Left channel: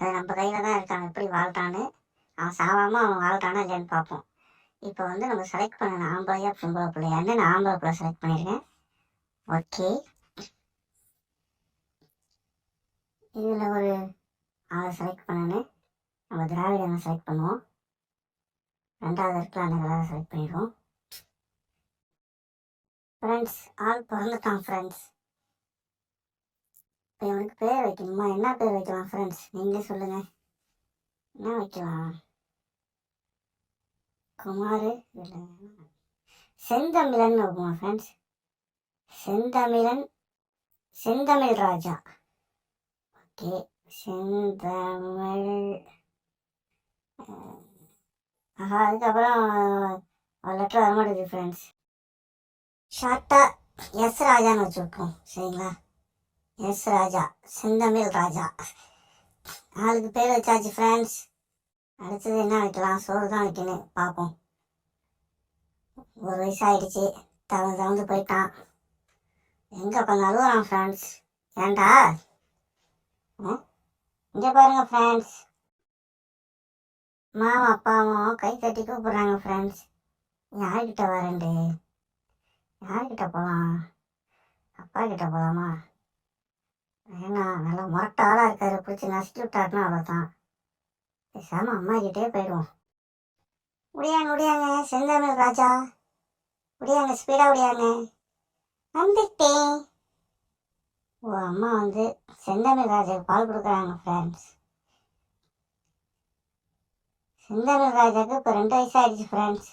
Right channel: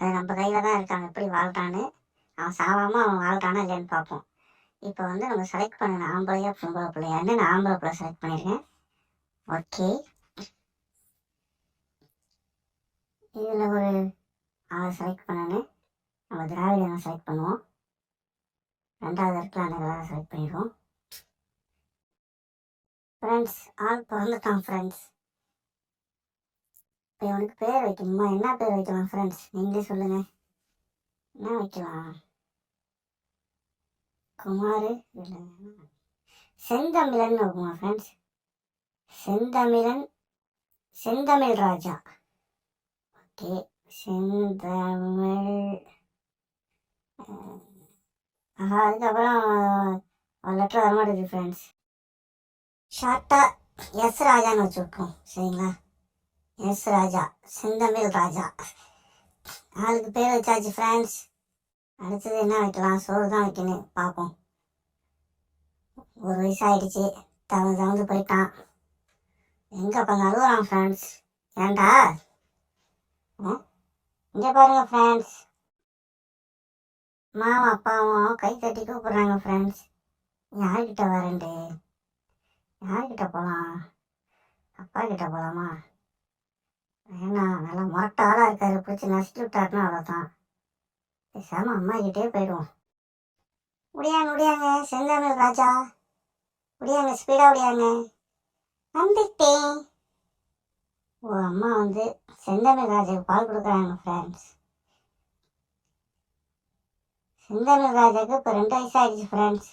அது நம்ம கையில் தான் இருக்காங்க எப்படி வாழ்றான்னு. அவன் சாவாமல் அவன் வாழ்றானா இல்லையான்னு பார்ப்போம். இப்போ வந்து நம்ம செலக்ட் பண்ணணும் ஆம்பளையா பொம்பளை பிள்ளையான்னு. நான் ஆம்பளை பிள்ளை செலக்ட் பண்ணியிருக்கேன். ஓகே, இதில் ஒரு ஆளை செலக்ட் பண்ணணும். நம்ம திராவிடனை செலக்ட் பண்ணுவோம். 2வது இடத்துல அந்த கலரை செலக்ட் பண்ணிடுவோம். ஃப்ரெண்ட்ஸ், ஆள் பிறந்துட்டான் ஃப்ரெண்ட்ஸ். இப்போ இவனுக்கு பேர் வைக்கணுமா? என்ன பேர் வைக்கலாம் ஃப்ரெண்ட்ஸ்? நீங்களே சொல்லுங்கள். என்ன வைக்கலாம்? குமார் இல்லை, செந்தமிழன் வைக்குமா ஃப்ரெண்ட்ஸ்? செந்தமிழ் ராஜா. ஓகே, செந்தமிழ். அதுக்கப்புறம் ஒரு லெட்டர் வரமாட்டேங்குது ஃப்ரெண்ட்ஸ். ஷார்ட்டாக எஸ் ராஜான்னு வச்சு விட்ருவோம். சரிங்களா? எஸ் ராஜா, செந்தமிழ் ராஜா. ஆளுக்கு பேர் வச்சாச்சு ஃப்ரெண்ட்ஸ். அடுத்தது என்ன வைக்கலாம்? சோறு தான் வைக்கணும், பார்ப்போம். 1 வயசு ஆகிடுச்சு, தவந்து போயிட்டான். எங்கே உட்காந்து அழுகுறான் ஃப்ரெண்ட்ஸ். ஏன்டா? இங்கே பாருங்கள் ஃப்ரெண்ட்ஸ், அம்மாவும் அப்பாவும் கை தட்டி கூப்பிட்றாங்க ஃப்ரெண்ட்ஸ். யார்கிட்ட வரேன்டு? யார்கிட்ட போகலாம்? அப்பா கிட்ட போகலாமா? ஏன்னா நல்லா முரட்ட ஆளாக இருக்காரு, பிடிச்சி நசுக்கி விட்டாருன்னா அவ்வளோதான். பேசாமல் அம்மா கிட்டே போயிடுவோம். முடியாங்க செந்தமிழ் ராஜா, முடியாங்க, ஸ்பீடாக முடியாங்க. வந்துட்டேன். ஓ, அம்மா வந்து செந்தமிழ் ராஜாவுக்கு பால் கொடுக்குறாங்க ஃப்ரெண்ட்ஸ். செந்தமிழ் ராஜாவுக்கு இப்போ 2 வயசு ஆகிடுச்சு ஃப்ரெண்ட்ஸ்.